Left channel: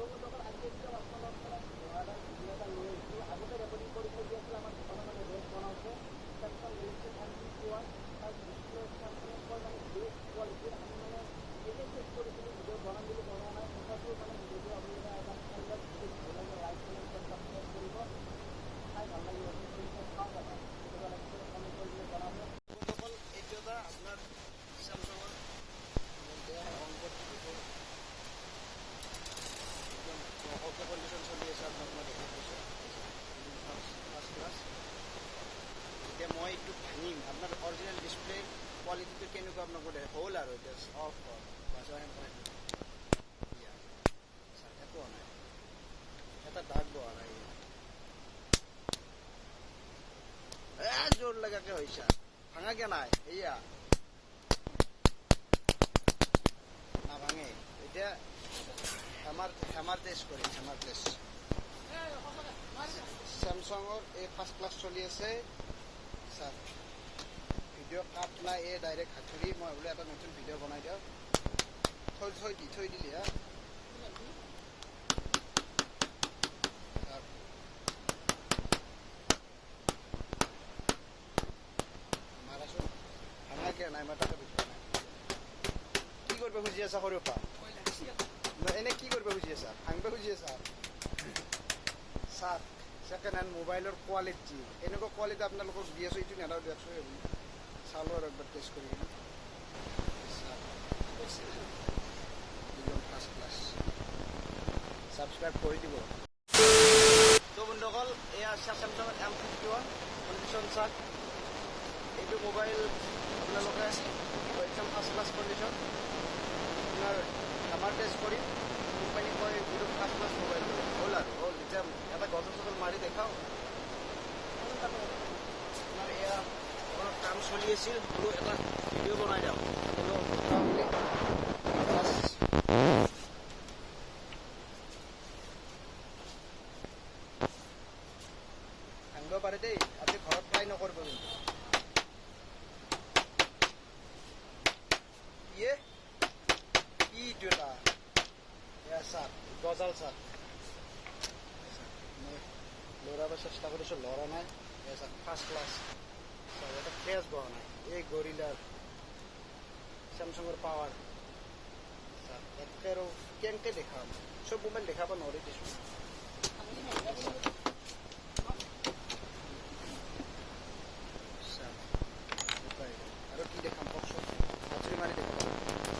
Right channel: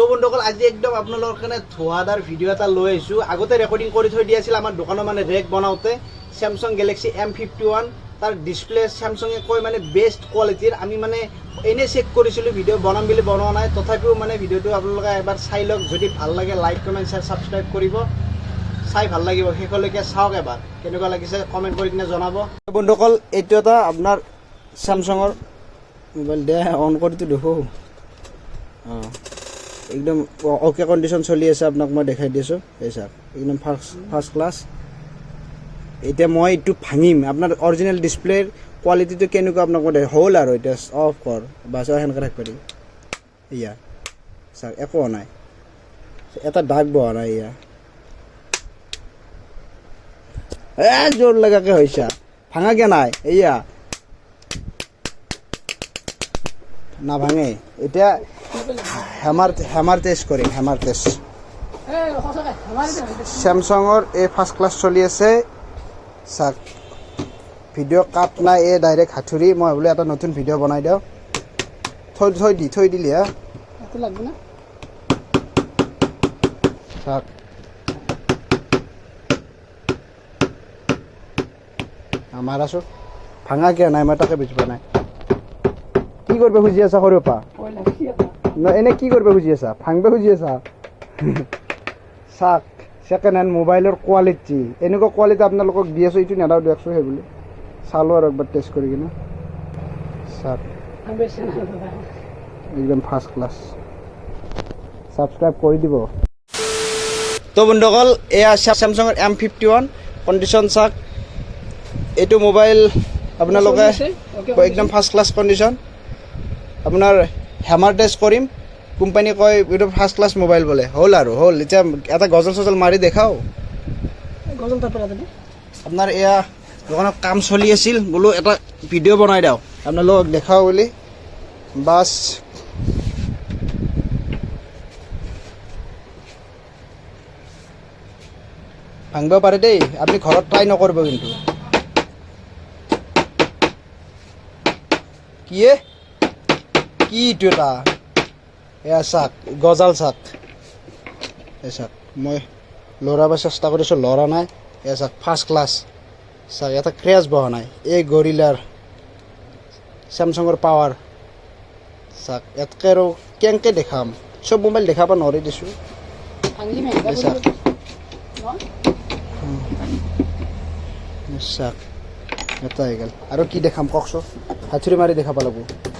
তো বন্ধুসকল আজি একদম আপোনালোকৰ কাৰণে ধোঁৱাদাৰ ভিডিঅ' এটা লৈ আহিছোঁ আগতে ৰেকৰ্ডিং কৰি থৈ দিয়া আছিল আমাৰ দোকানৰ মানে ৰেক বনাওঁতে স্যামসাং গেলেক্সি M51 তাৰ ডিসপ্লে স্যামসাঙে কয় মানে বেষ্ট কোৱালিটিৰ আমি মানে এনে চেক কৰিছিলোঁ ভিডিঅ' বনাম বুলি বনোৱা নাই তথাপিও মানে ভিডিঅ'টো আপোনালোকে এবাৰ চাই লওক যদি ভাল লাগে লাইক কমেণ্ট শ্বেয়াৰ সাবস্ক্ৰাইব কৰিব চাই ভাল লাগিব শেষলৈকে চাওক এবাৰ কেনেকুৱা লাগিছে কমেণ্ট কৰি কিনে জনাব বন্ধুসকল এইটো এটা আপোনাৰ স্যামসাঙৰ মোবাইল দে অন কৰিটো দেখো একদম ওকে কন্ডিশন চলি আছে আপোনাক মই দেখাই দিছো এই স্যার একদম ফার্স্ট ক্লাস এটা মই এটু ভাঙিম আপনার অরিজিনাল ডিসপ্লেৰ কোয়ালিটিটো কেনেকুৱা আপোনাক মই হল আৰু এটা অফ কৰ বাস হেনকা ৰাখ পাৰি ইয়া স্যাৰ একো নাই এটা দাগ বহা নাই ইয়া জোৰ লাগাকে হইছা ভাঙা কে নাই ইয়া না ভাঙে এটা হেমাৰ টেষ্ট কৰিম হেমাৰ টেষ্ট স্যামসাঙৰ এই ফাৰ্ষ্ট ক্লাছ চলি আছে চাক ভিডিঅ' কাট নাই এই ডাইৰেক্ট হাতুৰি মই বোলে এটা নতুন ভিডিঅ' বনাই দিওঁ থৈ দিলি হা চাক আমাৰ আছো ভাঙা কিয় নাই মই তাকে বুজি পোৱা নাই কি কৰিব খুজি আছা সৰুৰ পৰা এনে কি কৰিব খুজি আছা ভাঙব খুজি আছা চাক সেকেন্ড হেণ্ড মোবাইলৰ কোৱালিটি এনেকুৱা কোৱালিটি আপোনালোকক দি আছো এইটো নেদাও দিয়কচোন সেই বুলি চালো আৰু একবাৰ টেষ্ট কৰি কিনে চাক একদম ফাৰ্ষ্ট ক্লাছ সাবস্ক্ৰাইব কৰি দিব তো বন্ধুসকল এয়া স্যামসাঙৰ M51 কণ্ডিশ্যন চাক এইটো মোবাইল আপোনালোকে একদম ফাৰ্ষ্ট ক্লাছ কণ্ডিশ্যন আপোনাৰ হেমাৰ টেষ্ট কৰিম কোম্পানী কয় এইটো ফাৰ্ষ্ট ক্লাছ মোবাইল বোলে হ'ল আৰু হ'ল এতিয়া এটা গজল চজল মাৰি দেখাও আপোনাৰ এয়া দোকানত কাম চলি আছিল বোলো এটা ভিডিঅ' বনাই দিওঁ আপোনালোকক দেখাও বুলি বাছ ভাঙিব পাৰে দেই আপুনি ঘৰত ট্ৰাই নকৰিব কিন্তু কি এইটো এটা এয়া চাক গজাল চাক এই চাক মই লৰাব চেষ্টা কৰিছোঁ লৰা নাই এয়া চাক ফাৰ্ষ্ট ক্লাছ চাক এটা ক্ৰেছ বহা নাই এই গৰিলাৰ স্যামসাঙৰ পাৱাৰ চাক ইয়াতকৈ আৰু কেনেকৈ দেখাম চব মোবাইল দেখাব নোৱাৰি দিছোঁ চাক চাক এটা হৈ গ'ল আৰু কি দেখাম কওকচোন হাতুৰি মাৰি দেখাব লাগিব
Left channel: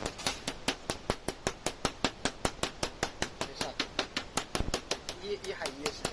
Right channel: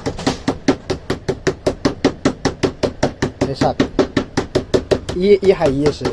চাক ই হাঁহি আছে